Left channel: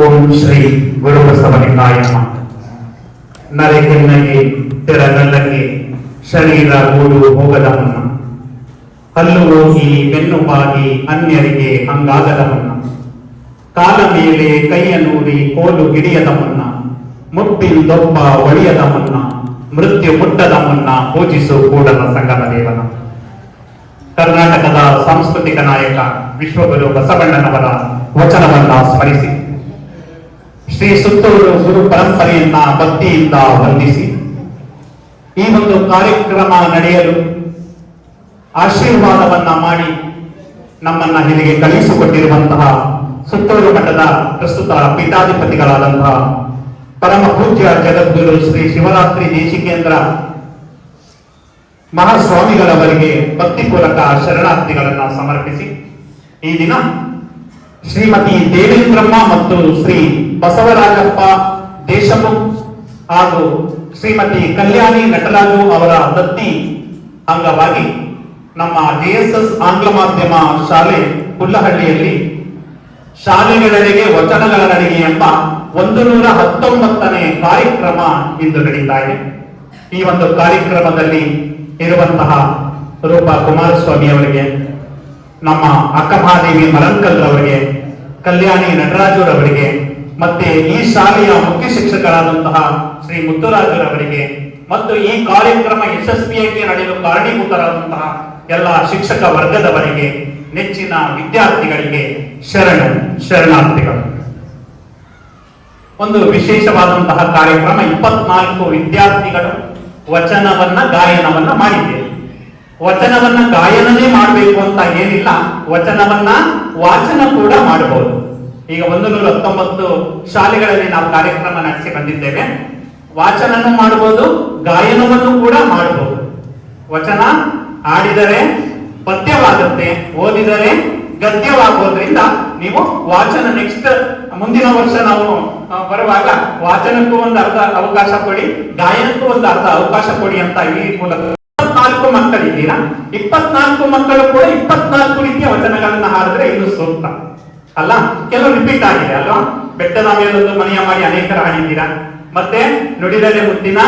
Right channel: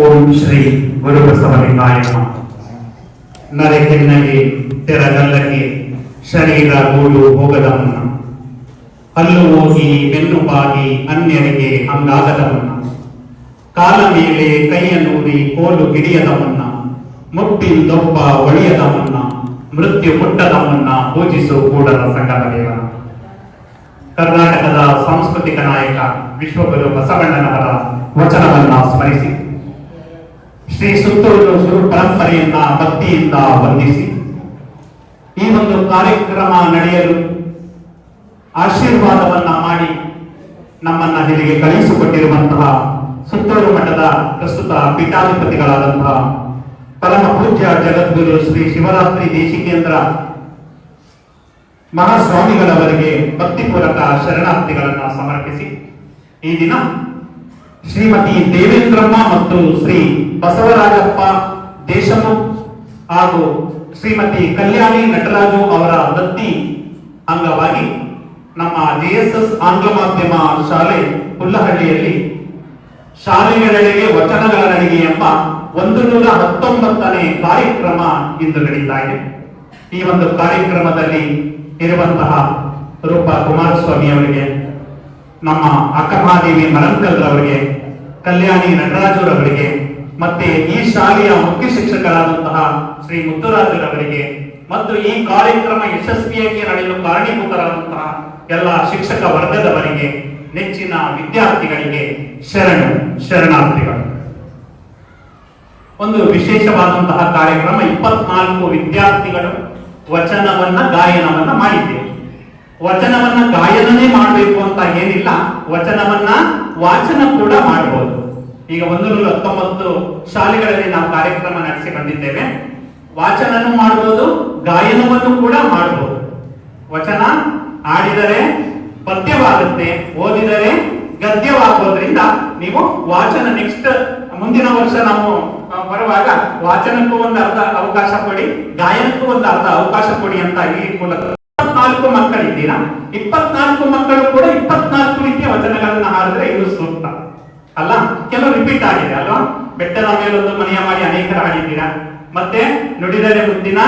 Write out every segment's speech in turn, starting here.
ಓಂ ಶ್ರೀ ಗುರು ಬಸವಲಿಂಗಾಯ ನಮಃ. ನರೆಕೆನ್ನಗೆ ತೆರಗಲ್ಲಗೆ ಶರೀರ ಗೂಡು ಹೋಗದ ಮುನ್ನ, ಹಲ್ಲು ಹೋಗಿ ಬೆನ್ನು ಬಾಗಿ ಅನ್ಯರಿಗೆ ಹಂಗಾಗದ ಮುನ್ನ, ಕಾಲ ಮೇಲೆ ಕೈಯನ್ನೂರಿ ಕೋಲು ಹಿಡಿಯದ ಮುನ್ನ, ಮುಟ್ಟಿಂದೊಬ್ಬ ಒಳಿಯದ ಮುನ್ನ, ಮೃತ್ಯು ಮುಟ್ಟದ ಮುನ್ನ ಪೂಜಿಸು ಕೂಡಲ ಸಂಗಮ ವೇದನ. ಕರ್ನಾಟಕದ ಸಾಂಸ್ಕೃತಿಕ ನಾಯಕ ವಿಶ್ವಗುರು ಬಸವಣ್ಣನವರ ವಚನವನ್ನ ಸ್ಮರಿಸಿ ಶ್ರೀ ಸುತ್ತೂರು ಗುರು ಪರಂಪರೆಯನ್ನ ಭಕ್ತಿಯಿಂದ ವಂದಿಸಿ ಈ ಒಂದು ಕಾರ್ಯಕ್ರಮ ನಡೆಯಲು ಆಶೀರ್ವಾದವನ್ನ ಮಾಡಿ ನಮ್ಮನ್ನ ಇಲ್ಲಿಗೆ ಕಳುಹಿಸಿಕೊಟ್ಟಿರುವಂತಹ ಸುತ್ತೂರು ಮಠದ ಪ್ರಸ್ತುತ ಪೀಠಾಧಿಪತಿಗಳಾದಂತಹ ಪರಮ ಪೂಜ್ಯ ಜಗದ್ಗುರು ಶ್ರೀ ಶಿವರಾತ್ರಿ ದೇಶಿಕೇಂದ್ರ ಮಹಾಸ್ವಾಮಿಗಳವರಿಗೆ ಭಕ್ತಿಪೂರ್ವಕ ಶರಣಾರ್ಥಿಗಳನ್ನ ಸಮರ್ಪಿಸಿ ಈ ದಿನ ಶ್ರೀಮತಿ ದೇವೇಂದ್ರಮ್ಮ ಮತ್ತು ಶ್ರೀ ಬಸವರಾಜಪ್ಪ ದೇಶಮುಖ್ ಹಾಗೂ ಶ್ರೀಮತಿ ಕಲ್ಯಾಣಿ ನಟರಾಜು ಅವರ ದತ್ತಿ ಅಂಗವಾಗಿ ನಮ್ಮ JSS ಆಂಗ್ಲ ಮಾಧ್ಯಮ ಶಾಲೆ ಹುಲ್ಲಹಳ್ಳಿಯಲ್ಲಿ ಶಾಲೆಗಳೆಡೆಗೆ ವಚನಗಳ ನಡಿಗೆ ಎಂಬ 119ನೇ ಕಾರ್ಯಕ್ರಮ ಇಂದು ನಡೀತಾ ಇದೆ. ಈ ಒಂದು ಕಾರ್ಯಕ್ರಮದಲ್ಲಿ ಇರುವಂತಹ ರೂಪಾ ಕುಮಾರಸ್ವಾಮಿ ಅವರಿಗೆ, ನಮ್ಮ ಅಕ್ಕಮಹಾದೇವಿ ಮರಂಕಲ್ ಅವರಿಗೆ, ಕಲ್ಯಾಣಿ ನಟರಾಜುರವರಿಗೆ, ಮತ್ತೆ ಈ ಶಾಲೆಯ ಮುಖ್ಯ ಶಿಕ್ಷಕರಾದಂತಹ ಶ್ರೀ ಮುತ್ತುರಾಜರವರಿಗೆ ಮತ್ತು ಈ ಕಾರ್ಯಕ್ರಮ ಯಶಸ್ವಿಯಾಗಿ ನಡೆಯಲು ಕಾರಣೀಭೂತರಾದಂತಹ ಎಲ್ಲ ಶಿಕ್ಷಕ ವರ್ಗದವರಿಗೆ, ನೆಚ್ಚಿನ ವಿದ್ಯಾರ್ಥಿಗಳಿಗೆ ಶರಣಾರ್ಥಿಗಳು. ಒಂದು ವಿಶೇಷವಾದಂತಹ ಕಾರ್ಯಕ್ರಮ. 24 ವಿದ್ಯಾರ್ಥಿಗಳು ವಚನವನ್ನ ಗಾಯನವನ್ನ ಮಾಡಿದ್ದೇವೆ. ವಚನವನ್ನ ಗಾಯನನೇ ಮಾಡಬೇಕು ಅಂತ ಏನಿಲ್ಲ, ವಚನವನ್ನ ವಾಚನ ಕೂಡ ಮಾಡಬಹುದು. ಈಗ 119 ಶಾಲೆಗಳಲ್ಲಿ ನಾವು ಕಾರ್ಯಕ್ರಮ ನಡೆಸಿ ಬಂದಿದ್ದೇವೆ. ವಾಚನನೂ ಮಾಡಬಹುದು, ಗಾಯನವನ್ನು ಕೂಡ ಮಾಡಬಹುದು. ವಚನ ಆಡಿದರೆ ಪದ್ಯವಾಗುತ್ತೆ, ಓದಿದರೆ ಗದ್ಯವಾಗುವುದರಿಂದ ನೀವು ವಾಚನ ನೆಕ್ಸ್ಟ್ ಮುಂದಿನ ವರ್ಷ ನಾವು ಬರುವಾಗ ವಾಚನಕ್ಕೂ ಒಂದು ಅರ್ಧ ಅವಕಾಶ ಕೊಡಿ, ಗಾಯನಕ್ಕೂ ಒಂದು ಅರ್ಧ ಅವಕಾಶ ಕೊಡಿ ಅಂತ ಈ ಮೂಲಕ 24 ಮಕ್ಕಳಿದ್ದೀರಾ. 24 ಮಕ್ಕಳು ಕೂಡ 24 ರೀತಿಯ ವಚನಗಳನ್ನ ಹಾಡಿದ್ರೆ ಇದು ಸೂಕ್ತ ಅಲ್ಲ. ಕೆಲವು ರಿಪೀಟ್ ಆಗಿದೆ ಅಲ್ವಾ. ಬೆಟ್ಟದ ಮೇಲೊಂದು ಮನೆಯ ಮಾಡಿ ಅನೇಕರ ಹಾಡಿದ್ದೀರಾ. ಮತ್ತೆ ನುಡಿದರೆ ಮುದ್ದಿನ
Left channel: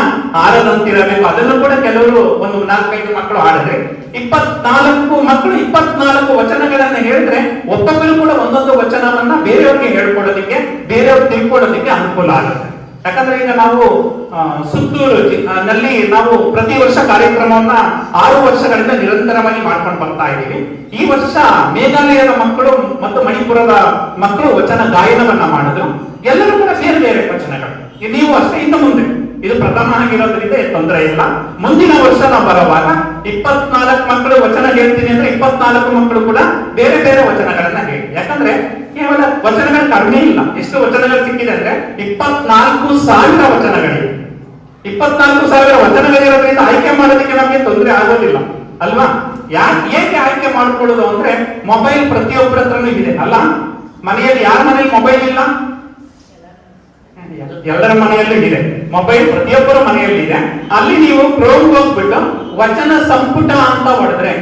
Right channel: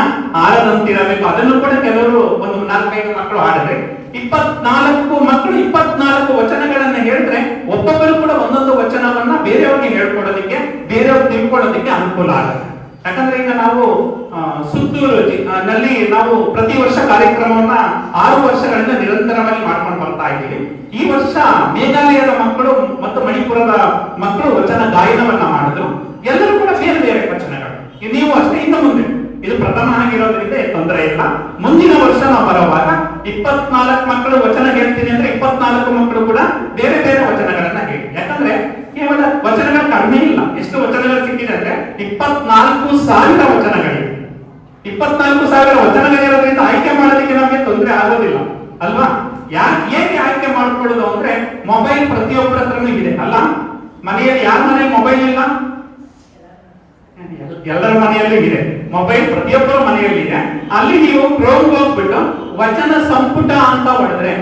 ಆರದಂತಿರಬೇಕು, ಅದನ್ನು ಕೂಡ ಕೆಲವರು ಒಂದು 4-5 ಮಕ್ಕಳು ಹಾಡಿದ್ರೆ 24 ಮಕ್ಕಳು 24 ವಚನಗಳನ್ನ ಹೇಳಿದ್ರೆ ಒಬ್ಬೊಬ್ಬರು ಕೂಡ ಒಂದೊಂದು ವಚನವನ್ನ ಬೇರೆಯವ್ರಿಗೆ ಹೇಳ್ಕೊಡೋದಕ್ಕೆ, ಬೇರೆಯವ್ರು ತಿಳ್ಕೊಳ್ಳೋದಕ್ಕೆ ಅನುಕೂಲ ಆಗುತ್ತೆ. ಯಾಕಂದ್ರೆ ಈಗ ನಾವು ಸುತ್ತೂರು ನಲ್ಲಿ ನಾವು ಪ್ರತಿ ವರ್ಷ ಕಾರ್ಯಕ್ರಮವನ್ನ 6 ವರ್ಷಗಳಿಂದ ನಿರಂತರವಾಗಿ ಮಾಡ್ಕೊಂಡು ಬರ್ತಾ ಇದ್ದೀವಿ. ಈ ವರ್ಷ ಮೇಘಾಲಯದ ಮಕ್ಕಳು ಮತ್ತು ಮಣಿಪುರದ ಮಕ್ಕಳು ವಚನ ಗಾಯನವನ್ನ ಮಾಡಿದ್ರು. ಎಲ್ಲರೂ ಕೂಡ ಬೇರೆ ಬೇರೆ ವಚನಗಳು. ನೀವು ಅಷ್ಟೇ ಇನ್ನು ಮುಂದೆ ಇದು ಪ್ರಥಮ ಆಗಿರೋದ್ರಿಂದ ತೊಂದರೆ ಇಲ್ಲ. ಮುಂದಿನ ವರ್ಷ ನಾವು ಬರುವಾಗ 24 ಮಕ್ಕಳು ವಚನ ಹೇಳ್ತೀನಿ ಅಂದ್ರೆ 24 ಮಕ್ಕಳು ಕೂಡ ಬೇರೆ ಬೇರೆ ವಚನಗಳನ್ನ ಹೇಳಿ. ಯಾಕಂದ್ರೆ ಕೇವಲ ವಚನಗಳು ಕಡಿಮೆ ಇಲ್ಲ. ಎಷ್ಟು ವಚನಗಳು ಸಿಕ್ಕಿದೆ ಅಂದ್ರೆ 24,000 ವಚನಗಳಿವೆ. 24,000 ವಚನಗಳಿರೋದ್ರಿಂದ ಆಯ್ಕೆ ಮಾಡೋದಕ್ಕೆ ನಮಗೆ ತೊಂದರೆ ಆಗೋದಿಲ್ಲ ಅಲ್ವಾ. ಏಕೆ ಆಯ್ಕೆ ಮಾಡ್ಕೊಳ್ಳೋದು ಅಂದ್ರೆ ಮೊಬೈಲ್ ಪ್ರತಿಯೊಬ್ಬರ ಹತ್ರನೂ ಇದೆ ಅಲ್ಲ. ಮನೆಯಲ್ಲಿ ಯಾರ ಮನೆಯಲ್ಲಿ ಮೊಬೈಲ್ ಇಲ್ಲ? ಎಲ್ಲರ ಮನೆಯಲ್ಲೂ ಇದೆ ಮೊಬೈಲ್, ಪ್ರತಿಯೊಬ್ಬರ ಮನೆಯಲ್ಲಿ ಇದೆ. ಅಲ್ಲಿ ನೀವು ಕ್ರೋಮ್ ಹೋಗ್ಬಿಟ್ಟು ವಚನ ಸಂಪುಟ ಅಂತ ಹೊಡೆದ್ರೆ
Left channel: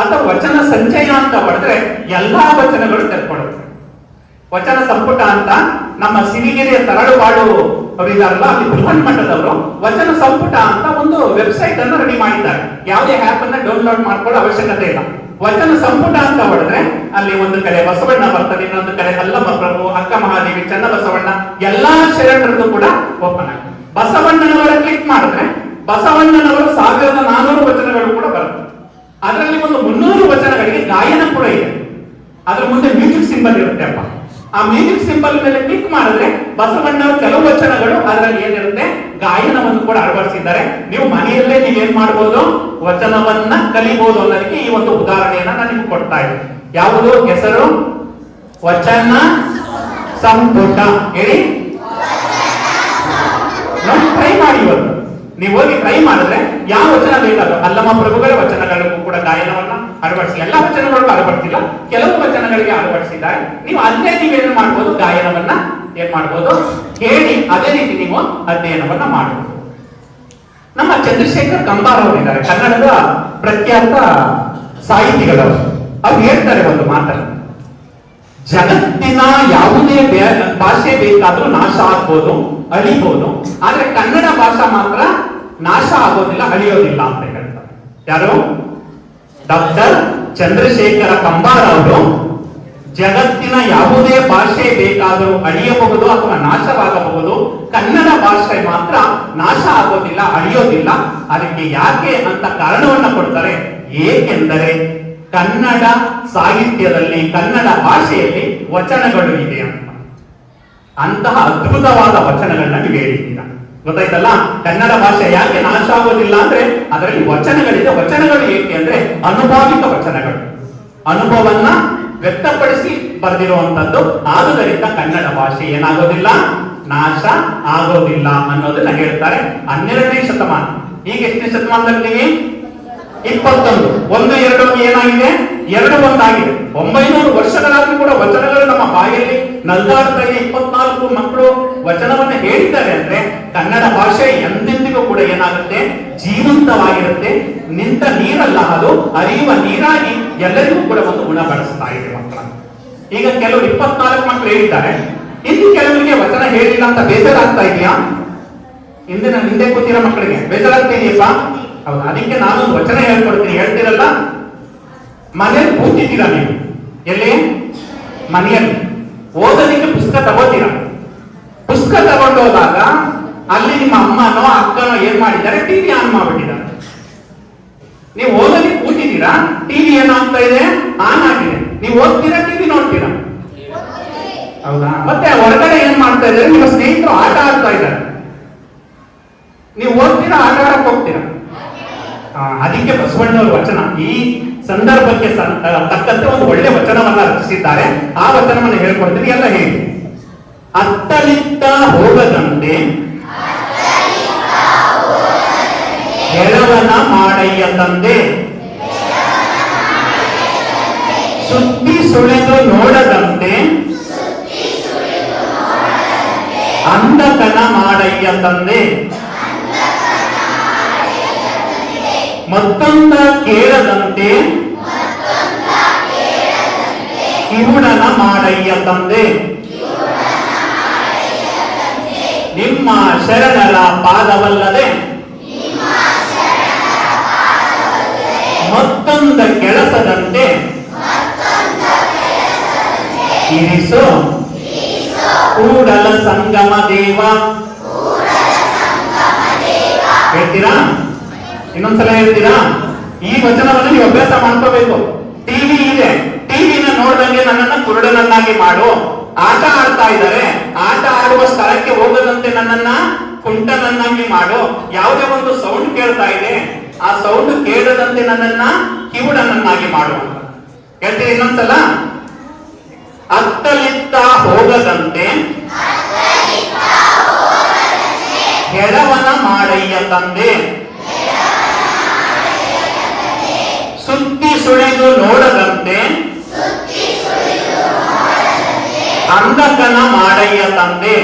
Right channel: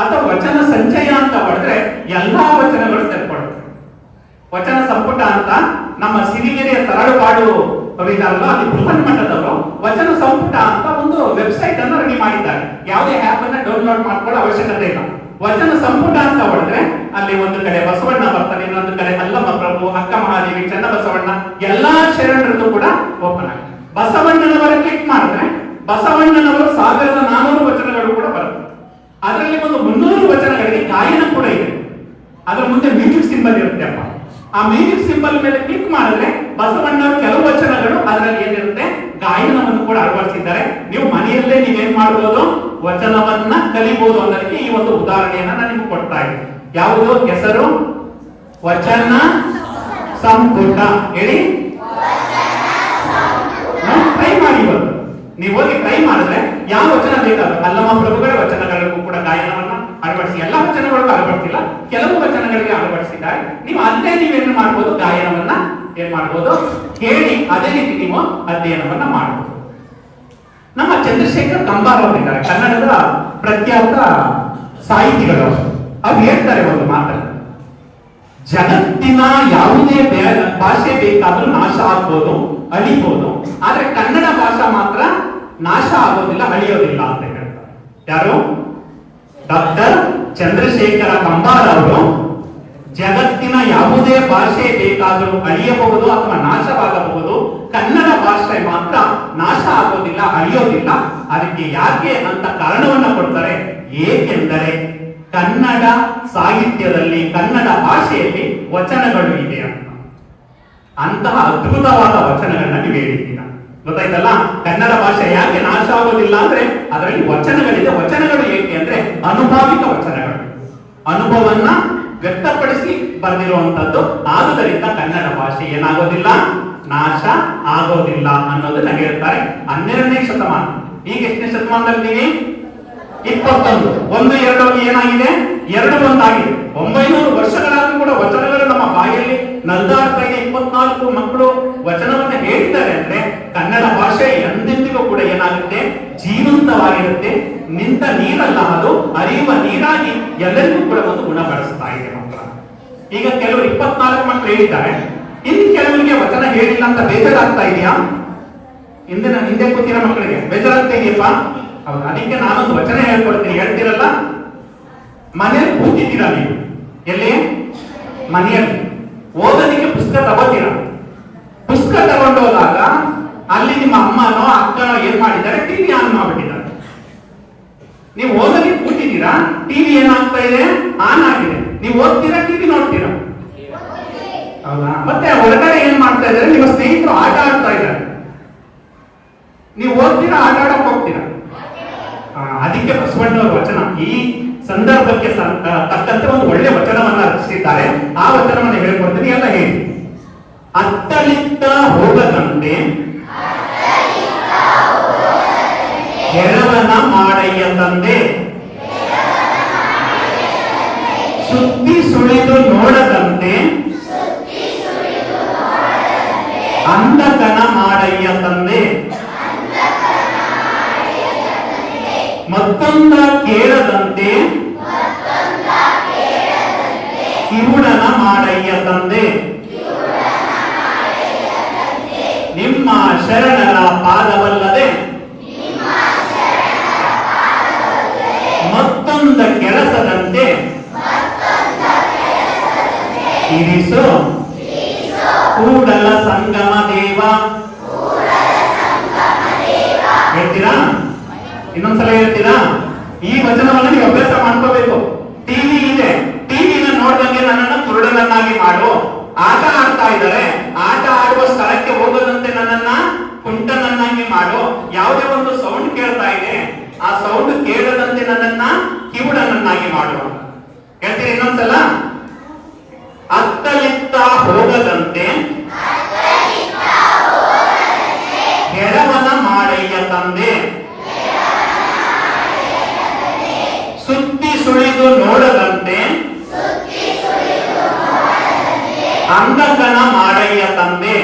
ಅಥವಾ ವಚನ ಸಂಚಯ ಅಂತ ಹೊಡೆದ್ರೆ ಎಲ್ಲಾ ವಚನಗಳು ತೆಗೆದುಕೊಳ್ಳುತ್ತೆ. ವಚನ ಸಂಪುಟ ಅಂತ ನಮ್ಮ ಸಿರಿಗೆರೆಯ ತರಳುವಾಡು ಅವರಿದಾರಲ್ಲ, ಅಲ್ಲಿ ಬೃಹನ್ ಮಟ್ಟದವರು ವಚನ ಸಂಪುಟ ಅಂತ ಒಂದು ವೆಬ್ಸೈಟ್ ಅನ್ನು ರೆಡಿ ಮಾಡಿದ್ದಾರೆ. ಯಾವುದೇ ಆಪ್ ಅನ್ನ ಡೌನ್ಲೋಡ್ ಮಾಡ್ಕೊಳ್ಳೋ ಅವಶ್ಯಕತೆ ಇಲ್ಲ. ವಚನ ಸಂಪುಟ ಅಂತ ಹೊಡೆದ್ರೆ ಅಲ್ಲಿ ಒಂದು ಕಡೆ ಬಸವಣ್ಣ ಬರ್ತಾರೆ, ಇನ್ನೊಂದು ಕಡೆ ಅಲ್ಲಮಪ್ರಭು, ಅಕ್ಕ ಮಹಾದೇವಿ, ಚನ್ನ ಬಸವಣ್ಣ, ಎಲ್ಲಾ ಶರಣರದ್ದು ಕೂಡ ಓಪನ್ ಆಗಿದೆ. ಬಸವಣ್ಣನವರ ಕ್ಲಿಕ್ ಮಾಡಿದ್ರೆ ಬಸವಣ್ಣನವರ 1400 ವಚನಗಳು ಕೂಡ ಬರುತ್ತೆ. ಅದರಲ್ಲಿ ಒಂದು 300 ವಚನಗಳಿಗೆ ಗಾಯನ ಕೂಡ ಇದೆ. ಅದರ ಮುಂದೆ ಮ್ಯೂಸಿಕ್ ಸಿಂಬಲ್ ಇರುತ್ತೆ ಅಪ್ಪ. ಆ ಮ್ಯೂಸಿಕ್ ಸಿಂಬಲ್ ಮೇಲೆ ಕ್ಲಿಕ್ ಮಾಡಿದ್ರೆ ಬಸವಣ್ಣವರ ಕೆಲವು ವಚನಗಳು ಅದರಲ್ಲಿ ಏನಿರುತ್ತೆ ಗಾಯನವನ್ನು ಕೂಡ ಅಳವಡಿಸಿದ್ದಾರೆ. ನೀವು ಮನೆಯಲ್ಲೇ ನೀವೇನ್ ಮಾಡಬಹುದು, ವಚನವನ್ನ ಕಲಿಬಹುದು ಅನ್ನೋದಕ್ಕೆ ಈ ಒಂದು ಉದಾಹರಣೆಯನ್ನ ನಾನು ನಿಮ್ಗೆ ಕೊಡ್ತಾ ಇದ್ದೀನಿ. ಯಾವುದು ಹೆಸರು? ವಚನ ಸಂಪುಟ. ಹೇಳಿ, ಟ್ರೈ ಮಾಡಿ. ಇವತ್ತು ನೀವು ಹೋಗಿ ಟ್ರೈ ಮಾಡಿದ್ರೆ ಯಾವ ವಚನ ಬೇಕಾದ್ರೂ ಅಲ್ಲಮ ಪ್ರಭುಗಳ ವಚನಗಳಿಗೂ ಕೂಡ ಗಾಯನವನ್ನ ಅಳವಡಿಸಿ, ಎಲ್ಲ ವಚನಗಳಿಗೂ ಅಳವಡಿಸಿಲ್ಲ, ಕೆಲವು ವಚನಗಳಿಗೆ ಅಳವಡಿಸಿದ್ದಾರೆ. ನೀವು ಅಲ್ಲೇ ನೀವೇನು ಮಾಡಬಹುದು, ಗಾಯನವನ್ನ ಏನ್ ಮಾಡಬಹುದು ಹೇಳಿ, ಅದೇ ರೀತಿ ನೀವು ಅಧ್ಯಯನವನ್ನ ಮಾಡಬಹುದು. ನಮ್ಮ ಚಂದ್ರಶೇಖರ್ ಕಂಬಾರ್ ಅವರಿದ್ದಾರೆ, ಕನ್ನಡದ ಪ್ರಖ್ಯಾತ ಸಾಹಿತಿಗಳು. ಅವ್ರು ಹೇಳ್ತಾರೆ ಒಂದು ಮಾತನ್ನು, ಜಗತ್ತಿನ ಯಾವುದೇ ಭಾಷೆ ಬೇಕಾದ್ರೂ ನಾಶ ಆಗ್ಬೋದು, ಅಳಿಬಹುದು. ಆದ್ರೆ ಕನ್ನಡ ಭಾಷೆ ಮಾತ್ರ ನಾಶ ಆಗೋದಿಲ್ಲ, ಅಳಿಯೋದಿಲ್ಲ ಅಂತ ಹೇಳ್ತಾರೆ. ಯಾರು? ಡಾಕ್ಟರ್ ಚಂದ್ರಶೇಖರ ಕಂಬಾರ ಅವರು ಜಗತ್ತಿನ ಯಾವುದೇ ಭಾಷೆ ಬೇಕಾದರೂ ಅಳಿಯಬಹುದು ಅಥವಾ ನಾಶವಾಗಬಹುದು, ಕನ್ನಡ ಭಾಷೆ ಮಾತ್ರ ನಾಶ ಆಗೋದಿಲ್ಲ, ಅಳಿಯೋದಿಲ್ಲ. ಅದಕ್ಕೆ ಯಾಕೆ ಅಂತ ಕಾರಣವನ್ನು ಕೊಡ್ತಾರೆ. ಏಕೆಂದರೆ ಕನ್ನಡ ಸಾಹಿತ್ಯದಲ್ಲಿ, ಕನ್ನಡ ಭಾಷೆಯಲ್ಲಿ ವಚನಗಳು ಇದೆ ಅಂತ. ಅಂತಹ ಅದ್ಭುತವಾದ ವಚನಗಳನ್ನ ನೀವು ಹೇಳಿದ್ದೀರಾ, ಗೊತ್ತಾಯ್ತಲ್ಲ. ಕನ್ನಡ ಭಾಷೆ ಯಾಕೆ ನಾಶ ಆಗೋದಿಲ್ಲ ಅಂದ್ರೆ ಅದರಲ್ಲಿ ವಚನಗಳಿದೆ. ವಚನಗಳು ಏಕೆ ಅಂದ್ರೆ ಅನುಭಾವಿಕ ವಚನಗಳು, ಅನುಭವವನ್ನ ವ್ಯಕ್ತಪಡಿಸಿ ಬರೆದಿರುವಂತದ್ದು. ಆದುದರಿಂದ ಕನ್ನಡ ಭಾಷೆ ಏನಾಗೋದಿಲ್ಲ, ನಾಶ ಆಗೋದಿಲ್ಲ ಅನ್ನೋದನ್ನ ಹೇಳ್ತಾರೆ. 12ನೇ ಶತಮಾನ. ಈಗ ಎಷ್ಟನೇ ಶತಮಾನದಲ್ಲಿ? 21. 1, 2 ಏನಾಗಿದೆ? 2 ಒಂದಾಗಿದೆ. 900 ವರ್ಷಗಳಾದ್ರೂ ಕೂಡ ವಚನಗಳು ನಮ್ಮ ಬಾಯಲ್ಲಿ ನಲ್ದಾಡ್ತಾ ಇದೆ. 24 ಮಕ್ಕಳು ವಚನವನ್ನು ಹೇಳಿದ್ದಾರೆ ಅಂದ್ರೆ ಕನ್ನಡ ಭಾಷೆ ಎಂದೆಂದಿಗೂ ಕೂಡ ಏನಾಗುತ್ತೆ, ಜೀವಂತವಾಗಿರುತ್ತೆ. ನಿಂತ ನೀರಲ್ಲ, ಅದು ಹರಿಯುವ ನೀರಾಗಿ ಎಲ್ಲರಿಗೂ ಕೂಡ ಒಂದು ಗುಣ ಬಳಸ್ತಾ ಇದೆ ಮಕ್ಕಳ. ಈಗ ಕೆಲವರು 24 ಮಕ್ಕಳು ಹೇಳಿದ್ದಾರೆ, ಇನ್ನು ಕೆಲವರಿಗೆ ವಚನ ಹೇಳಿಲ್ಲ ಅಂತ ಬೇಜಾರಾಗ್ತಾ ಇದೆಯಾ? ಹಿಂದೆ ಕೂತಿರೋ ಮಕ್ಕಳಿಗೆ ಬೇಜಾರಾಗ್ತಾ ಇದೆಯಲ್ಲ? ಹೌದು. ಅದಕ್ಕೆ ನಾನು ವಚನ ಹೇಳ್ಕೊಡ್ತೀನಿ, ಹೇಳ್ತಿರಲ್ಲ. ಮನೆಯಲ್ಲಿ ಕೂತಿದ್ದೀರಾ ನೀವು, ಎಲ್ಲಿ? ಮನೆಯಲ್ಲಿ ಓದೋದಕ್ಕೆ ಪುಸ್ತಕ ತಗೋತೀರಾ. ಪುಸ್ತಕ ತಗೊಂಡು ಹೋದಾಗ ಅಲ್ಲಿ ನಿಮ್ಮ ಅಮ್ಮನೋ ಅಕ್ಕನೋ ಏನ್ ಮಾಡಿದ್ದಾರೆ, ಟಿವಿ ಆನ್ ಮಾಡ್ಬಿಟ್ಟಿದ್ದಾರೆ. ನೀವು ಓದೋದಕ್ಕೆ ಕೂತಿದ್ದೀರಾ, ಟಿವಿ ಏನಾಗ್ತಾ ಇದೆ, ಆನ್ ಆಗಿದೆ. ನೀವು ಓದ್ತೀರಾ, ಟಿವಿ ನೋಡ್ತೀರಾ? ಹೌದಾ? ಮತ್ತೆ ಹೊರಗಡೆ ಏನ್ ಮಾಡ್ತಾ ಇದ್ದಾರೆ, ನಿಮ್ಮ ಸ್ನೇಹಿತರು ಆಟ ಆಡ್ತಾ ಇದ್ದಾರೆ. ನೀವು ಓದ್ತೀರಾ, ಆಟ ಆಡಕ್ ಹೋಗ್ತೀರಾ? ಅದಕ್ಕೆ ಬಸವಣ್ಣವರ ವಚನ ಈ ಸಂದರ್ಭಕ್ಕೆ ತಕ್ಕಂತೆ ಒಂದು ಒಳ್ಳೆ ವಚನವನ್ನ ರಚಿಸಿದ್ದಾರೆ. ಆ ವಚನವನ್ನು ಹೇಳ್ಕೊಡ್ತೀನಿ, ಎಲ್ಲ ಹೇಳಿ. ಅತ್ತಲಿತ್ತ ಹೋಗದಂತೆ ಹೆಳವನ ಮಾಡಯ್ಯ ತಂದೆ, ಸುದ್ದಿ ಸುಳಿದು ನೋಡದಂತೆ ಅಂಧಕನ ಮಾಡಯ್ಯ ತಂದೆ, ಮತ್ತೊಂದ ಕೇಳದಂತೆ ಕಿವುಡನ ಮಾಡಯ್ಯ ತಂದೆ, ನಿಮ್ಮ ಶರಣರ ಪಾದವಲ್ಲದೆ ಮತ್ತೊಂದ ಕೆಲಸದಂತೆ ಇರಿಸು ಕೂಡಲ ಸಂಗಮ ದೇವ. ಹೇಳ್ತೀರಾ? ಇನ್ನೊಂದ್ಸಲ ಹೇಳ್ತೀರಾ? ಈ ವಚನವನ್ನು ನೀವು ಅಭ್ಯಾಸ ಮಾಡ್ಕೋಬೇಕು. ಟಿವಿ ಇದೆ, ಟಿವಿನ ನೋಡ್ದಂಗೆ ನನ್ನನ್ನು ಕುರುಡನನ್ನಾಗಿ ಮಾಡು. ಆಟ ಆಡ್ತಾ ಇದ್ದಾರೆ, ಆಟ ಆಡುವ ಸ್ಥಳಕ್ಕೆ ಹೋಗದಂತೆ ನನ್ನನ್ನ ಕುಂಟನನ್ನಾಗಿ ಮಾಡು. ಯಾವುದೇ ಒಂದು ಸೌಂಡ್ ಕೇಳ್ತಾ ಇದೆ, ಆ ಸೌಂಡ್ ಕೇಳದಂತೆ ನನ್ನನ್ನ ಕಿವುಡನನ್ನಾಗಿ ಮಾಡು. ಹೇಳ್ತೀರಿ ಇನ್ನೊಂದ್ಸಲ? ಅತ್ತಲಿತ್ತ ಹೋಗದಂತೆ ಹೆಳವನ ಮಾಡಯ್ಯ ತಂದೆ, ಸುದ್ದಿ ಸುಳಿದು ನೋಡದಂತೆ ಅಂಧಕನ ಮಾಡಯ್ಯ ತಂದೆ,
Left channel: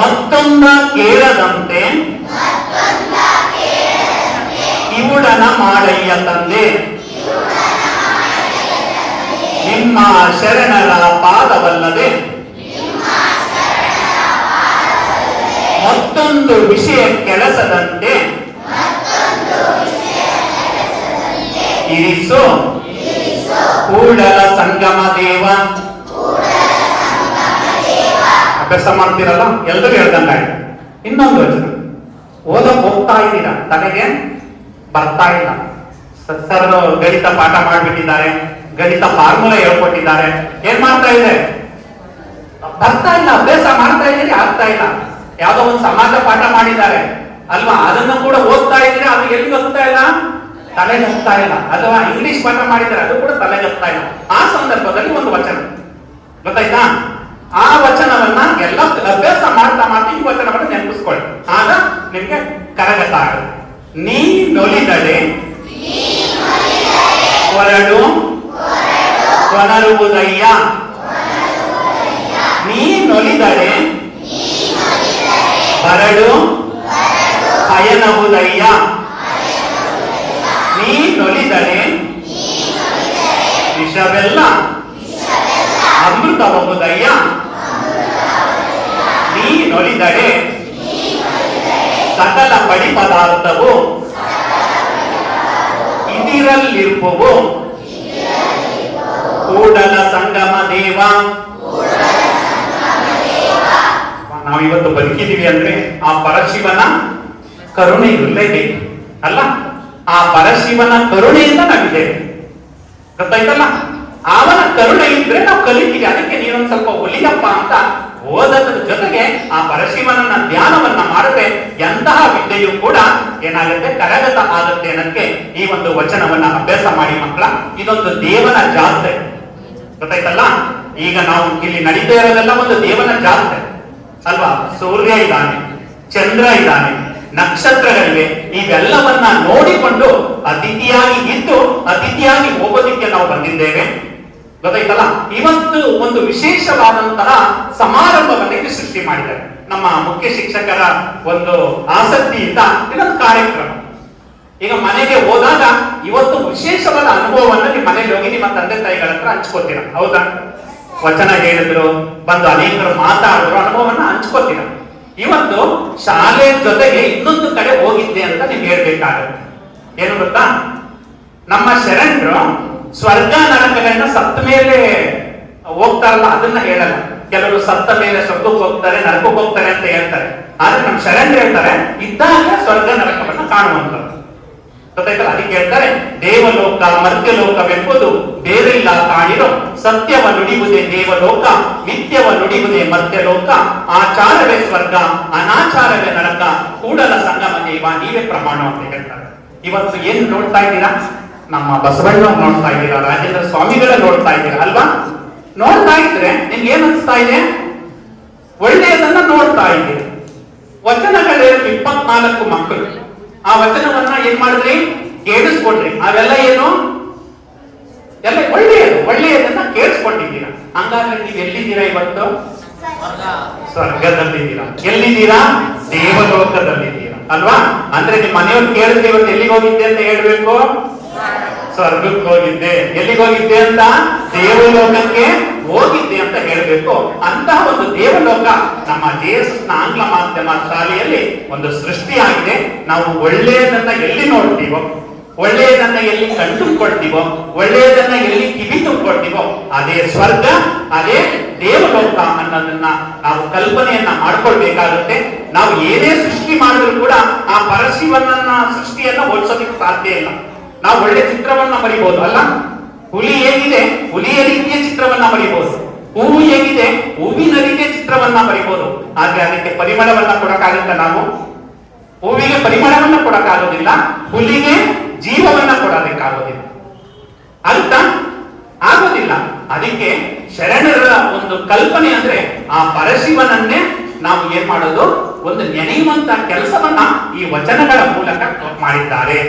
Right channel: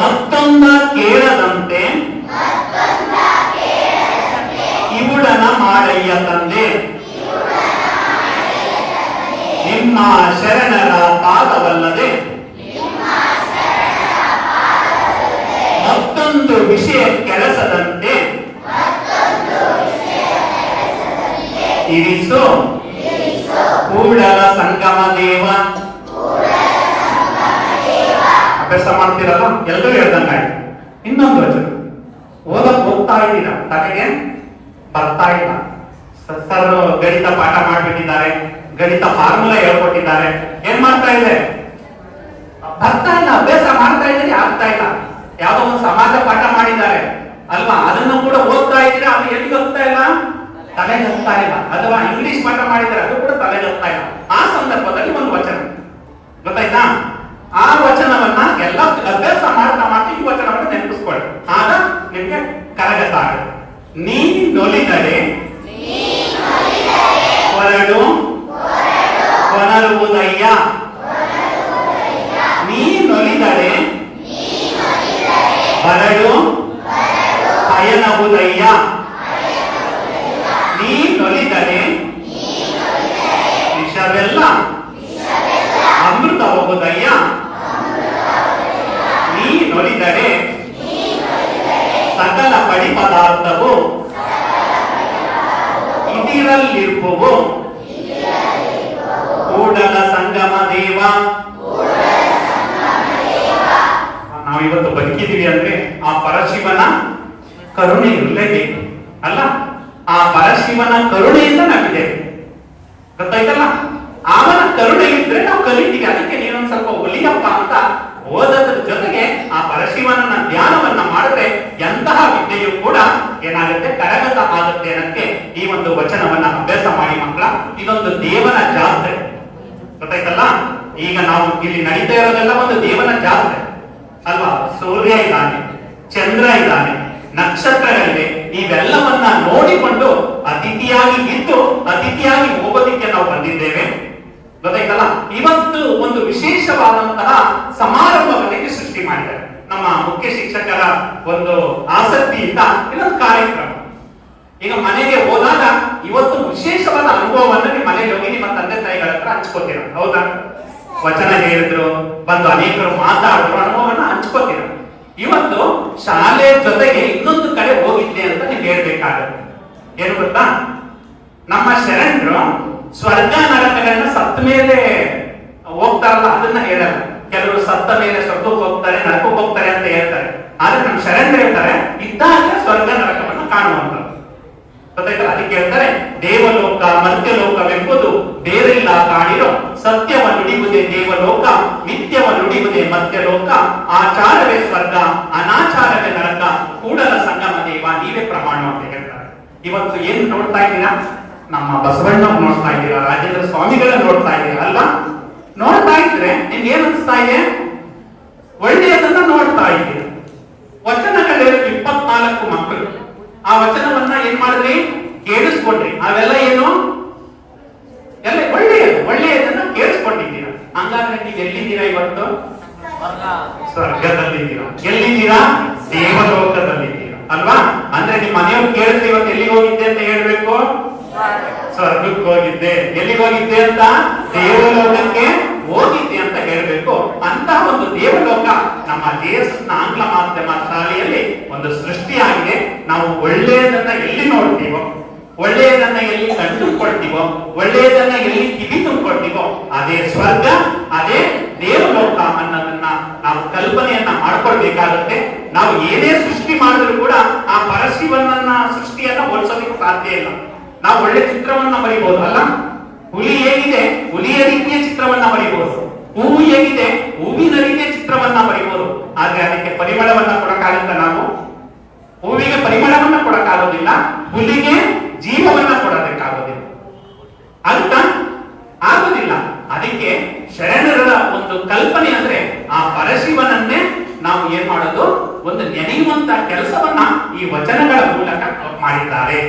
ಮತ್ತೊಂದ ಕೇಳದಂತೆ ಕಿವುಡನ ಮಾಡಯ್ಯ ತಂದೆ, ನಿಮ್ಮ ಶರಣರ ಪಾದವಲ್ಲದೆ ಮತ್ತೊಂದು ವಿಷಯ ಕೆಲಸದಂತೆ ಇರಿಸು ಕೂಡಲ ಸಂಗಮ ದೇವ. ಅಭ್ಯಾಸ ಮಾಡ್ತೀರಲ್ಲ, ಎಲ್ಲರೂ ಹೇಳ್ದಂಗ. ಇನ್ನೊಂದು ವಚನ ಓದಕ್ ಹೋಗ್ತಾ ಇದ್ದೀರಾ, ತಲೆಗೆ ಬರ್ತಾ ಇಲ್ಲ. ಸರ್ ಗಣಿತ ಪಾಠ ಮಾಡ್ಬಿಟ್ಟಿದ್ದಾರೆ, ಗಣಿತ ಫಾರ್ಮುಲಾ ಹೇಳ್ಕೊಟ್ಟಿದ್ದಾರೆ, ಏನ್ ಮಾಡ್ತಾ ಇದೆ, ಬರ್ತಾ ಇಲ್ಲ. ಅಭ್ಯಾಸ ಮಾಡ್ತಾ ಇದ್ದೀರಿ, ಆಗ್ತಾ ಇಲ್ಲ. ಯಾವ್ದೋ ಒಂದು ಸಮಾಜ ಪಾಠ ಮಾಡಿದ್ದಾರೆ ಅಲ್ವಾ, ಅದನ್ನು ಕೂಡ ಓದ್ತಾ ಇದ್ರೆ ಅದು ಎಲ್ಲಿ ಹೋಗ್ತಾ ಇಲ್ಲ, ತಲೆಗೆ ಹೋಗ್ತಾ ಇಲ್ಲ. ಅಥವಾ ಇಂಗ್ಲಿಷ್ ಪಾಠ ಮಾಡಿದ್ರೆ ಅದು ಕೂಡ ತಲೆಗೆ ಹೋಗ್ತಾ ಇಲ್ಲ. ಆ ಸಂದರ್ಭದಲ್ಲಿ ಒಂದು ವಚನ ಗೊತ್ತಾಯ್ತಾ? ಆ ವಚನವನ್ನ ಎಲ್ಲ ಅಭ್ಯಾಸ ಮಾಡ್ತಾ ಮಾಡ್ತಾ ಈ ವಚನವನ್ನು ನೆನಪಿಸ್ಕೊಳ್ಳಿ, ಆಗ ನಿಮ್ಗೆ ಕರಗತ ಆಗುತ್ತೆ. ನೀ ನೊಲಿದಡೆ ಹೊರಡು ಕೊನರುವುದಯ್ಯ, ನೀ ನೊಲಿದಡೆ ಹೊರಡು ಪಯಣವುದಯ್ಯ, ನೀ ನೊಲಿದರೆ ವಿಷವೆಲ್ಲ ಅಮೃತವು ಕೂಡಲ ಸಂಗಮ ದೇವ. ನಾವಿವತ್ತು ಬದುಕಿದೀವಿ ಅಂದ್ರೆ ಆ ಪರಶಿವನ ಕರುಣೆ ಇರಲೇಬೇಕು ಅಲ್ಲ. ಆ ಪರಶಿವನ ಕರುಣೆಯಿಂದ ನಾವಿದ್ದೇವೆ, ಗೊತ್ತಾಯ್ತಲ್ಲ. ಅವನ ಕರುಣೆ ಇದ್ರೆ ನಾವು ಕಲಿತೀವಿ. ಅದಕ್ಕೆ ನೀನೊಂದ್ ಸ್ವಲ್ಪ ಒಲಿಯಪ್ಪ ಅಂತ ಓದೋದ್ರ ಜೊತೆಗೆ ಆ ಪರಶಿವನ ಧ್ಯಾನವನ್ನ ಮಾಡಿದ್ರೆ ಎಂತಹ ವಿದ್ಯೆಯು ಕೂಡ ಏನಾಗುತ್ತೆ, ಕರಗತ ಆಗುತ್ತೆ ಅನ್ನಕ್ಕೆ ಈ ಒಂದು ವಚನವನ್ನ ಅಭ್ಯಾಸ ಮಾಡಿ ಮಕ್ಕಳ. ಇದೊಂದು ದೇವನ ಜಾತ್ರೆ, ಗೊತ್ತಾಯ್ತಲ್ಲ. ಈಗ ನಾವು ಇಲ್ಲಿ ನಡೀತಾ ಇರೋದೆಲ್ಲ ಒಂದು ದೇವನ ಜಾತ್ರೆ ಅಲ್ವಾ. ಸೂರ್ಯ ಇದ್ದಾನೆ, ಚಂದ್ರ ಇದ್ದಾನೆ, ನಕ್ಷತ್ರಗಳಿವೆ. ಇವೆಲ್ಲವನ್ನ ನೋಡಿಕೊಂಡು ಅತಿಥಿಯಾಗಿ ಇದ್ದು ಅತಿಥಿಯಾಗಿ ಹೋಗೋದಿಕ್ಕೆ ನಾವು ಬಂದಿದ್ದೇವೆ, ಗೊತ್ತಾಯ್ತಲ್ಲ. ಇವತ್ತು ಒಂದು ವಿಶೇಷವಾದಂತಹ ಸಮಾರಂಭವನ್ನೇ ಸೃಷ್ಟಿ ಮಾಡಿದ್ದಾರೆ ನಮ್ಮ ಮುಖ್ಯ ಶಿಕ್ಷಕರ ಒಂದು ಆಸಕ್ತಿಯಿಂದ. ಇನ್ನೊಂದು ಕಾರ್ಯಕ್ರಮ ಈಗ ಮನೆಗೆ ಹೋದಾಗ ಇವತ್ತು ವಿಶೇಷವಾದ ಅನುಭವವನ್ನ ನಿಮ್ಮ ಮನೆಗೆ ಹೋಗಿ ನಿಮ್ಮ ತಂದೆ ತಾಯಿಗಳ ಹತ್ರ ಹಂಚ್ಕೋತೀರ, ಹೌದಾ. ವಚನ ಹೇಳಿದ್ರು, ಬಂದು ಅನೇಕರು ಮಾತಾಡಿದ್ರು, ಅನುಭವವನ್ನ ಹಂಚ್ಕೋತೀರ. ಇವತ್ತು ಶಾಲೆಯ ಜೊತೆಗೆ ಇನ್ನೊಂದು ಕಡೆ ಹೋಗಿದ್ದೆ ಅಂತ ನೀವು ಹೇಳ್ಬೇಕಾಗುತ್ತೆ. ಏನು ಗೊತ್ತಾ, ನಮ್ಮ ಶರಣರು ಸ್ವರ್ಗ ನರಕಗಳನ್ನ ಸತ್ತ ಮೇಲೆ ಹೋಗ್ತಾರಲ್ಲ ಅದನ್ನ ಹೇಳಲ್ಲ. ಕೆಲವರು ಸತ್ತ ಮೇಲೆ ಸ್ವರ್ಗಕ್ಕೆ ಹೋಗ್ತಾರೆ, ನರಕಕ್ಕೆ ಹೋಗ್ತಾರೆ ಅಂತ ಹೇಳ್ತಾರೆ. ಆದ್ರೆ ನಮ್ಮ ಶರಣರು ಹೇಳ್ತಾರೆ ಇದ್ದಾಗ ಸ್ವರ್ಗ ನರಕವನ್ನು ಕಾಣುವಂತ, ಗೊತ್ತಾಯ್ತಲ್ಲ. ಅದಕ್ಕೆ ಹೇಳ್ತಾರೆ ದೇವಲೋಕ ಮರ್ತ್ಯಲೋಕವೆಂಬುದು ಬೇರೆಲ್ಲ ಕಾಣಿರೋ, ಸತ್ಯವ ನುಡಿಯುವುದೇ ದೇವಲೋಕ, ಮಿಥ್ಯವ ನುಡಿಯುವುದೇ ಮರ್ತ್ಯಲೋಕ, ಆಚಾರವೇ ಸ್ವರ್ಗ ಅನಾಚಾರವೇ ನರಕ, ಕೂಡಲ ಸಂಗಮ ದೇವ ನೀವೇ ಪ್ರಮಾಣ ಅಂತ ಹೇಳ್ತಾರೆ. ಇವತ್ತು ಏನು ನೋಡ್ತಾ ಇದ್ದೀರಾ, ನಮ್ಮ ಬಸವಣ್ಣ ನೋಡ್ತಾ ಇದ್ದೀರಾ, ರಾಜೇಂದ್ರ ಸ್ವಾಮಿಗಳ ನೋಡ್ತಾ ಇದ್ದೀರಾ ಅಲ್ವಾ. ನೋಡ್ತಾ ಇದ್ರೆ ನಿಮ್ಗೆ ಏನ್ ಅನ್ಸ್ತಾ ಇದೆ, ಒಳ್ಳೆಯದನ್ನ ನೋಡ್ತಾ ಇದ್ದೀರಿ. ವಚನಗಳು 24 ಮಕ್ಕಳು, ಆ ವಚನವನ್ನ ಏನ್ ಮಾಡಿದ್ರಿ, ಕೇಳಿಸ್ಕೊಂಡ್ರಿ. ಅವೆಲ್ಲ ಏನು, ಎಲ್ಲ ಒಳ್ಳೆಯದನ್ನ ಕೇಳಿಸ್ಕೊಂಡಿದ್ದೀರಾ. ಹಂಗಾದ್ರೆ ನೀವು ಎಲ್ಲಿದ್ದೀರಾ ಇವತ್ತು, ಸ್ವರ್ಗದಲ್ಲಿದ್ದೀರಾ. ಎಲ್ಲಿದ್ದೀರಾ, ದೇವಲೋಕದಲ್ಲಿದ್ದೀರಾ ಅಲ್ವಾ. ಅಂದ್ರೆ ನಿಮ್ಮ ಮನೆಯವ್ರು ಕೇಳಿದ್ರೆ ಇವತ್ತು ಎಲ್ಲಿಗೆ ಹೋಗಿದ್ದೆ ಅಂತ ಹೇಳ್ಬೇಕು, ಸ್ವರ್ಗಕ್ಕೆ ಹೋಗಿದ್ದೆ. ಎಲ್ಲಿಗೆ ಹೋಗಿದ್ದೆ ಅಂತ, ದೇವಲೋಕಕ್ಕೆ ಹೋಗಿದ್ದೆ ಅಂತ ಹೇಳ್ಬೇಕು. ಅಂತಹ ಒಂದು ದೇವಲೋಕ ನಮ್ಮ ದೇಶದ ಆಂಗ್ಲ ಮಾಧ್ಯಮ ಶಾಲೆಯಲ್ಲಿ ಒಂದು ಸೃಷ್ಟಿಯಾಗಿದೆ. ನಾವು ಒಳ್ಳೆಯದನ್ನ ಎಲ್ಲಿ ನೋಡ್ತೀವೋ, ಒಳ್ಳೆಯದನ್ನ ಎಲ್ಲಿ ಕಂಡುಕೊಳ್ತೀವೋ, ಒಳ್ಳೆಯದನ್ನ ಎಲ್ಲಿ ಕಿವಿ ತುಂಬಿಕೊಳ್ತೀವೋ ಅದೇ ಸ್ವರ್ಗ, ಅದೇ ದೇವಲೋಕ ಅನ್ನೋದನ್ನ ನಾವು ಕಲ್ಪನೆಯನ್ನ ಮಾಡ್ಕೊಳ್ಬೇಕಾಗುತ್ತೆ. ನಾವು ಏನೇ ಸೃಷ್ಟಿ ಮಾಡಿದ್ರು ಕೂಡ ಆ ಪರಶಿವನನ್ನ ಸೃಷ್ಟಿಯನ್ನ ಹೋಲಿಸೋದಕ್ಕೆ ಸಾಧ್ಯ ಇಲ್ಲ. ನಾವು ಒಳ್ಳೆ ಚಿತ್ರವನ್ನ ಬರೀಬಹುದು ಅಲ್ಲ. ಹುಲಿ ಹೇಗಿದೆ, ಹುಲಿಯ ರೀತಿಯ ಚಿತ್ರವನ್ನ ಬರೀಬಹುದು. ಹೂವು ಹೇಗಿದೆ, ಹೂವಿನ ರೀತಿಯ ಚಿತ್ರವನ್ನ ಬರೀಬಹುದು. ಆದ್ರೆ ಅದಕ್ಕೆ ಪರಿಮಳವನ್ನ ಕೊಡಕ್ಕಾಗಲ್ಲ. ನಾವು ಹೂವಿಗೆ ಪರಿಮಳವನ್ನ ಕೊಡಕ್ಕಾಗೋದಿಲ್ಲ, ಹುಲಿಗೆ ಜೀವವನ್ನ ಕೊಡೋದಕ್ಕಾಗೋದಿಲ್ಲ, ಅರ್ಥ ಆಗೋದಿಲ್ಲ. ಅದಕ್ಕೆ ಶರಣರ ಒಂದು ಕಲ್ಪನೆ ಅಂದ್ರೆ ಆ ಪರಶಿವನನ್ನೇ ನಾವು ಏನ್ ಮಾಡೋದು, ಒಂದು ನೆನೆಯುವಂತ ಕೆಲಸವನ್ನ ಈ ವಚನಗಳ ಮೂಲಕ ಮಾಡಿದ್ದಾರೆ.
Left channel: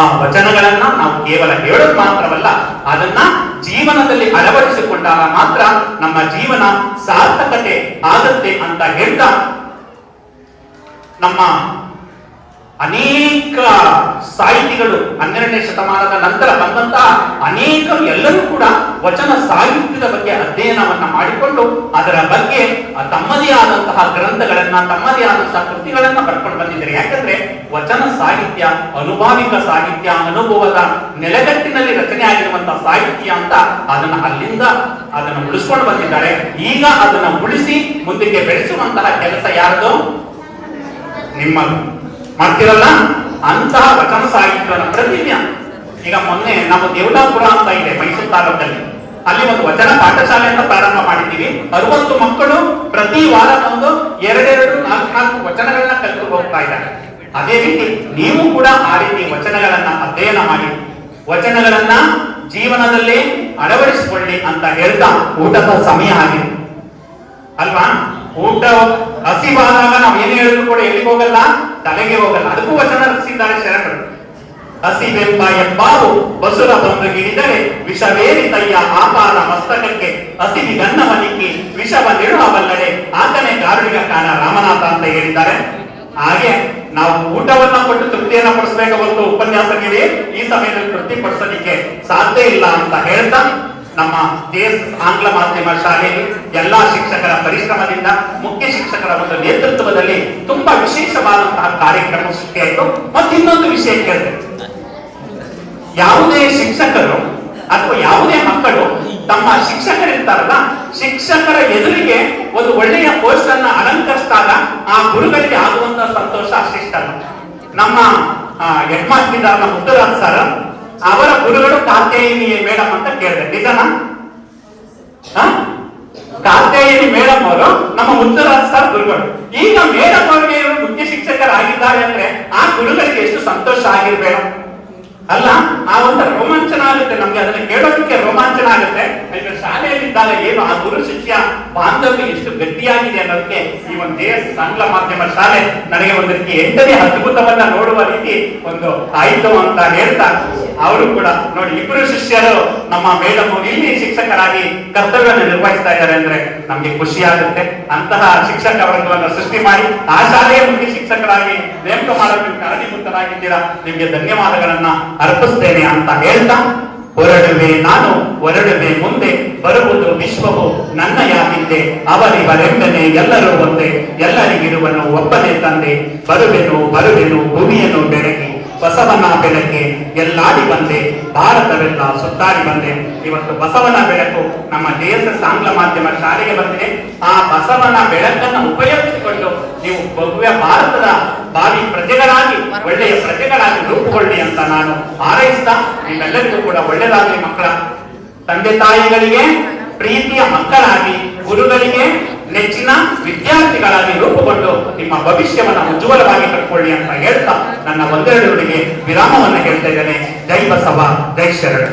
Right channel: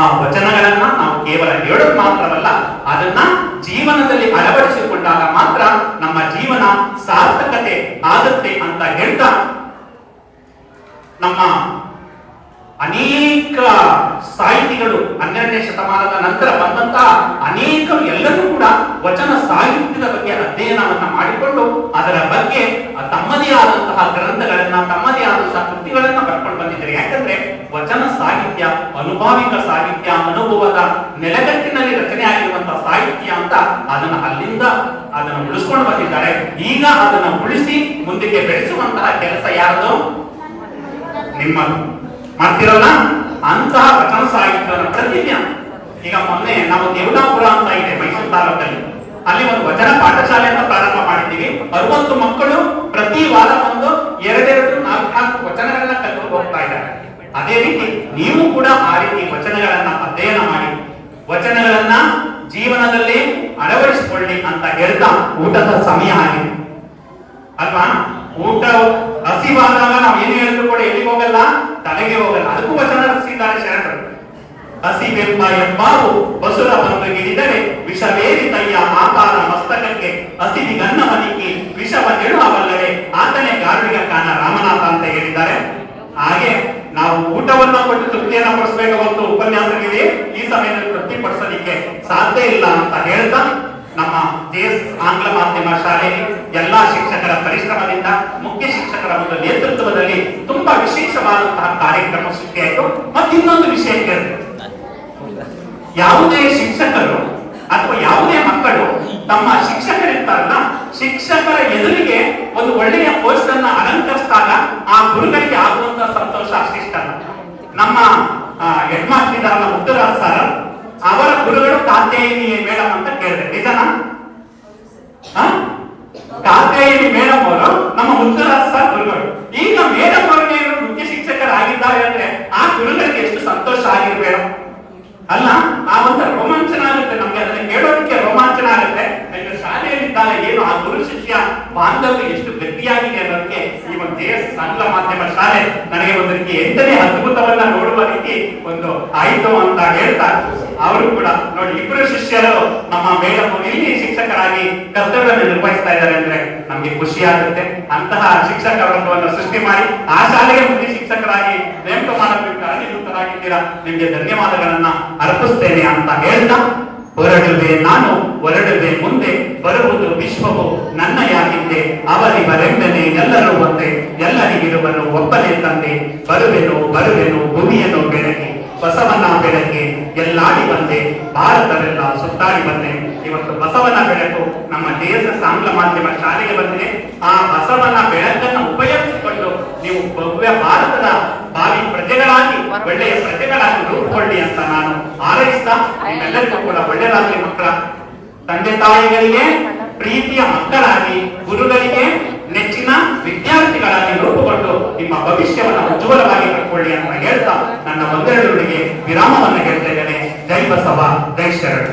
ಆ ವಚನಗಳನ್ನ ನಾವು ಕೇವಲ ಹೇಳೋದು ಮಾತ್ರವಲ್ಲ, ಅದನ್ನ ಜೀವನದಲ್ಲಿ ಅಳವಡಿಸಿಕೊಂಡಾಗ ಮಾತ್ರ ನಮ್ಮ ಜೀವನ ಸಾರ್ಥಕತೆ ಆಗುತ್ತೆ ಅಂತ ಹೇಳ್ತಾ, ನಮ್ಮ ಅನೇಕ ಸಾಹಿತಿಗಳು 12ನೇ ಶತಮಾನದ ನಂತರ ಬಂದಂತಹ ಅನೇಕರು ಎಲ್ಲರೂ ಕೂಡ ವಚನ ಸಾಹಿತ್ಯದ ಬಗ್ಗೆ ಅಧ್ಯಯನವನ್ನ ಮಾಡಿಕೊಂಡು ಅದರ ಬಗ್ಗೆ ತಮ್ಮದೇ ಆದಂತಹ ಗ್ರಂಥಗಳನ್ನ, ತಮ್ಮದೇ ಆದಂತಹ ಕೃತಿಗಳನ್ನ ಬರ್ಕೊಂಡು ಬಂದಿದ್ದಾರೆ. ಯಾಕಂದ್ರೆ ವಚನ ಸಾಹಿತ್ಯ ಅನುಭಾವಿಕ ಸಾಹಿತ್ಯ, ಅನುಭವದ ನೆಲೆಗಟ್ಟಿನಲ್ಲಿ ರಚನೆ ಆಗಿರುವಂತಹ ಸಾಹಿತ್ಯ ಅಂತ ಅಲ್ಲಿಂದ ಅದನ್ನು ಉಳಿಸ್ಕೊಂಡು ಬಂದಿದ್ದಾರೆ. ಈಗ ಅದನ್ನು ಉಳಿಸಿ ಮುಂದಕ್ಕೆ ಬೆಳೆಸುವಂತಹ ಕೆಲಸ ಯಾರ್ದು, ನಿಮ್ಮ ಮಾಡ್ತಿರಲ್ಲ ಅಂತಹ ವಚನ ಸಾಹಿತ್ಯದ ಪ್ರತಿಜ್ಞ. ಈಗ ಮೊನ್ನೆ ನಾವು ದೇವಲಾಪುರ ಅಂತ ಇದೆ ಮೈಸೂರು ತಾಲೂಕಲ್ಲಿ, ಅಲ್ಲಿ ಒಂದು ವಚನ ಪಾಠಶಾಲೆಯನ್ನು ಪ್ರಾರಂಭ ಮಾಡಿದ್ದೀವಿ. 60 ಮಕ್ಕಳು ಪ್ರತಿ ವಾರ ಒಂದು 2-4 ವಚನಗಳನ್ನ ಕಲಿತು ಹೋಗ್ತಾ ಇದ್ದಾರೆ. ಅದೇ ರೀತಿ ನೀವು ಕೂಡ ಆ ರೀತಿ ವಚನಗಳನ್ನ ಅಧ್ಯಯನ ಮಾಡಿ, ವಚನಗಳನ್ನ ಜೀವನದಲ್ಲಿ ಅಳವಡಿಸಿಕೊಳ್ಳಿ ಅಂತ ಹೇಳ್ತಾ ಊಟದ ಸಮಯ ಆಗಿದೆ ಅಲ್ವಾ. ಊಟ ಹಸಿವಾದಾಗ ನಾವು ಏನು ಹೇಳಿದ್ರು ಕೂಡ ಎಲ್ಲಿಗೆ ಹೋಗಲ್ಲ, ತಲೆಗೆ ಹೋಗಲ್ಲ. ಅದಕ್ಕೂ ವಚನ ರಚಿಸಿದ್ದಾರೆ ಶರಣರು. ಹಸಿವೆಂಬ ಎಂಬಾವು ಬಸುರ ಬಂದು ಹಿಡಿದರೆ ವಿಷವೇರಿ ತಯ್ಯ ಆಪಾರ ಮಸ್ತಕಕ್ಕೆ ಹಸಿವಿಗನ್ನವನಿಕ್ಕಿ ವಿಷವ ನೆಡುವಲ್ಲದೆ ಆತನೇ ಗಾರ್ವಿಕ ಕಾಣ ರಾಮನಾಥ ಅಂತ ಹೇಳಿದ್ದಾರೆ. ಹಾಗೆ ನಾವು ಊಟವನ್ನ ಕೊಟ್ಟು ತೃಪ್ತಿಯನ್ನ ಪಡಿಸಬೇಕು ಹೊರತು ಉಪನ್ಯಾಸಗಳಿಗೆ ಈ ಸಮಯದಲ್ಲಿ ತೃಪ್ತಿಪಡಿಸಲಿಕ್ಕೆ ಸಾಧ್ಯ ಇಲ್ಲ ಅಂತ ಹೇಳ್ತಾ, ನಮ್ಮ ದೇಶ ಆಂಗ್ಲ ಮಾಧ್ಯಮ ಶಾಲೆಯಲ್ಲಿ ಎಲ್ಲಾ ಶಿಕ್ಷಕರ ಪರಿಶ್ರಮದಿಂದ, ಮುಖ್ಯ ಶಿಕ್ಷಕರ ಒಂದು ನೇತೃತ್ವದಲ್ಲಿ ತುಂಬಾ ವಿಶೇಷವಾದಂತಹ ಕಾರ್ಯಕ್ರಮ ಸೃಷ್ಟಿಯಾಯಿತು. ಮತ್ತು ಇನ್ನೊಂದು ವಿಷಯ ಕೇಳಿದೆ, ಯಾವುದೇ ಶಿಕ್ಷಕರು ಅಥವಾ ಯಾವುದೇ ಮಕ್ಕಳು ತಮ್ಮ ಶಿಕ್ಷಕರಿರ್ತಾರಲ್ಲ, ಶಿಕ್ಷಕರ ಎದುರಿಗೆ ಒಂದು ಒಳ್ಳೆಯ ಪೋಸ್ಟ್ ಅನ್ನ ಅಲಂಕರಿಸಿದಾಗ ಆ ಗುರುಗಳಿಗೆ ಆಗುವಂತ ಸಂತೋಷ ಅಷ್ಟಿಷ್ಟ. ನಮ್ಮ ಹೆಡ್ ಮಾಸ್ಟರ್ ಇದ್ದಾರಲ್ಲ ಮುತ್ತುರಾಜ್ ಸರ್, ಅವರ ಗುರುಗಳು ಕಾತ್ಯಾಯಿನಿ ಮೇಡಮ್ ಅಂತ ಕೇಳಿದೆ, ನಿಜನಾ? ಕಾತ್ಯಾಯಿನಿ ಮೇಡಮ್ ಅವರು ನಮ್ಮ ಮುತ್ತುರಾಜ್ ಸರ್ ಗುರುಗಳು. ಈಗ ಮೇಡಮ್ ಅವರಿಗೆ ಮುಖ್ಯ ಶಿಕ್ಷಕರಾಗಿದ್ದಾರೆ ಅಂದ್ರೆ ಆ ಗುರುಗಳಿಗೆ ಎಷ್ಟು ಸಂತೋಷ ಆಗಿರ್ಬೇಡ ಅಲ್ಲ? ಆ ಒಂದು ರೋಮಾಂಚನ ಆಗುತ್ತೆ ನಮ್ಗೆ, ಅದನ್ನ ಕೇಳೋದಕ್ಕೆ ರೋಮಾಂಚನ ಆಗುತ್ತೆ. ಶಾಲೆಯಲ್ಲಿದ್ದಾಗ ಏನು ಆ ಗುರು ಶಿಷ್ಯ ಬಾಂಧವ್ಯ ಎಷ್ಟು ಗಟ್ಟಿಯಾಗಿದೆ ಅನ್ನೋದಕ್ಕೆ ಈ ಒಂದು ದೇಶ ಆಂಗ್ಲ ಮಾಧ್ಯಮ ಶಾಲೆ ನನಗೆ ಒಂದು ರೀತಿ ಎಂಟನೇ ಅದ್ಭುತವನ್ನ ನೋಡುವ ರೀತಿ ಒಂದು ಆಯ್ತು ಅಂತ ಹೇಳ್ತಾ, ಅವರು ಕೂಡ ನೋಡಿ ಇಬ್ಬರು ಶಿಷ್ಯರು ನಮ್ಮ ಮೇಡಮ್ ಇಲ್ಲಿ ಶಿಕ್ಷಕರಾಗಿ ಕರ್ತವ್ಯವನ್ನು ನಿರ್ವಹಿಸ್ತಾ ಇದ್ದಾರೆ ಅಂದ್ರೆ ನಮ್ಗೆ ಖುಷಿ ಆಗುತ್ತೆ. ಅಂತಹ ಶಿಕ್ಷಕ ವರ್ಗವನ್ನು ಸೃಷ್ಟಿ ಮಾಡಿ ಆ ಶಾಲೆಯ ಮುಖ್ಯ ಶಿಕ್ಷಕರಾಗಿ ನೇಮಕ ಮಾಡಲು ಕಾರಣೀಭೂತರಾಗಿದ್ದೀರಾ, ನಿಮ್ಗೆ ಧನ್ಯವಾದಗಳನ್ನ ಅರ್ಪಿಸ್ತೇನೆ ಅಂತ ಹೇಳ್ತಾ, ಹೊರಡುವೆ ನಾನು ಹೊರಡುವೆ ಮುಂದೆ, ಬರುವುದು ವಿಶ್ವವು ನನ್ನಯಾಗಿದ್ದೆ, ಅವರಿವರೆಂಬನೆ ಎಲ್ಲರೂ ಒಂದೇ, ಎಲ್ಲರಿಗಿರುವನು ಒಬ್ಬನೇ ತಂದೆ, ಬರುವೆನು ಭೂಮಿಯನ್ನು ಬೆಳಗಿ, ಬಸವನ ಬೆಳಗ್ಗೆ ಎಲ್ಲಾಡಿ ಬಂದೆ, ಭಾರತವೆಲ್ಲ ಸುತ್ತಾಡಿ ಬಂದೆ. ಇವತ್ತು ಬಸವನ ಬೆಳಕು ನಮ್ಮ ದೇಶ ಆಂಗ್ಲ ಮಾಧ್ಯಮ ಶಾಲೆಗೆ ಬಂದಿದೆ. ಆ ಬಸವನ ಬೆಳಕನ್ನು ಉಪಯೋಗಿಸಿಕೊಂಡು ನೀವು ಭವ್ಯ ಭಾರತದ ಭಾವಿ ಪ್ರಜೆಗಳಾಗಿ ಒಳ್ಳೆಯ ಪ್ರಜೆಗಳಾಗಿ ರೂಪುಗೊಳ್ಳಿ ಅಂತ ನಾನು ಹಾರೈಸ್ತಾ, ನಿಮ್ಮೆಲ್ಲರಿಗೂ ಕೂಡ ಒಳ್ಳೆಯದಾಗಲಿ. ಮಕ್ಕಳ ತಂದೆ ತಾಯಿಗಳಿಗೆ ಪ್ರೀತಿಯ ಮಕ್ಕಳಾಗಿ, ಗುರುಗಳಿಗೆ ನೆಚ್ಚಿನ ವಿದ್ಯಾರ್ಥಿಗಳಾಗಿ ರೂಪುಗೊಂಡು ನಿಮ್ಮ ಭವಿಷ್ಯವನ್ನು ಉಜ್ವಲವಾಗಿ ಕಟ್ಟಿಕೊಳ್ಳಿ ಅಂತ ಹೇಳ್ತಾ ನನ್ನ ಒಂದೆರಡುಗಳಿಗೆ ವಿರಾಮವನ್ನು ಹೇಳ್ತಾ ಇದ್ದೇನೆ. ಜೈ ಬಸವ, ಜೈ ಶರಣ.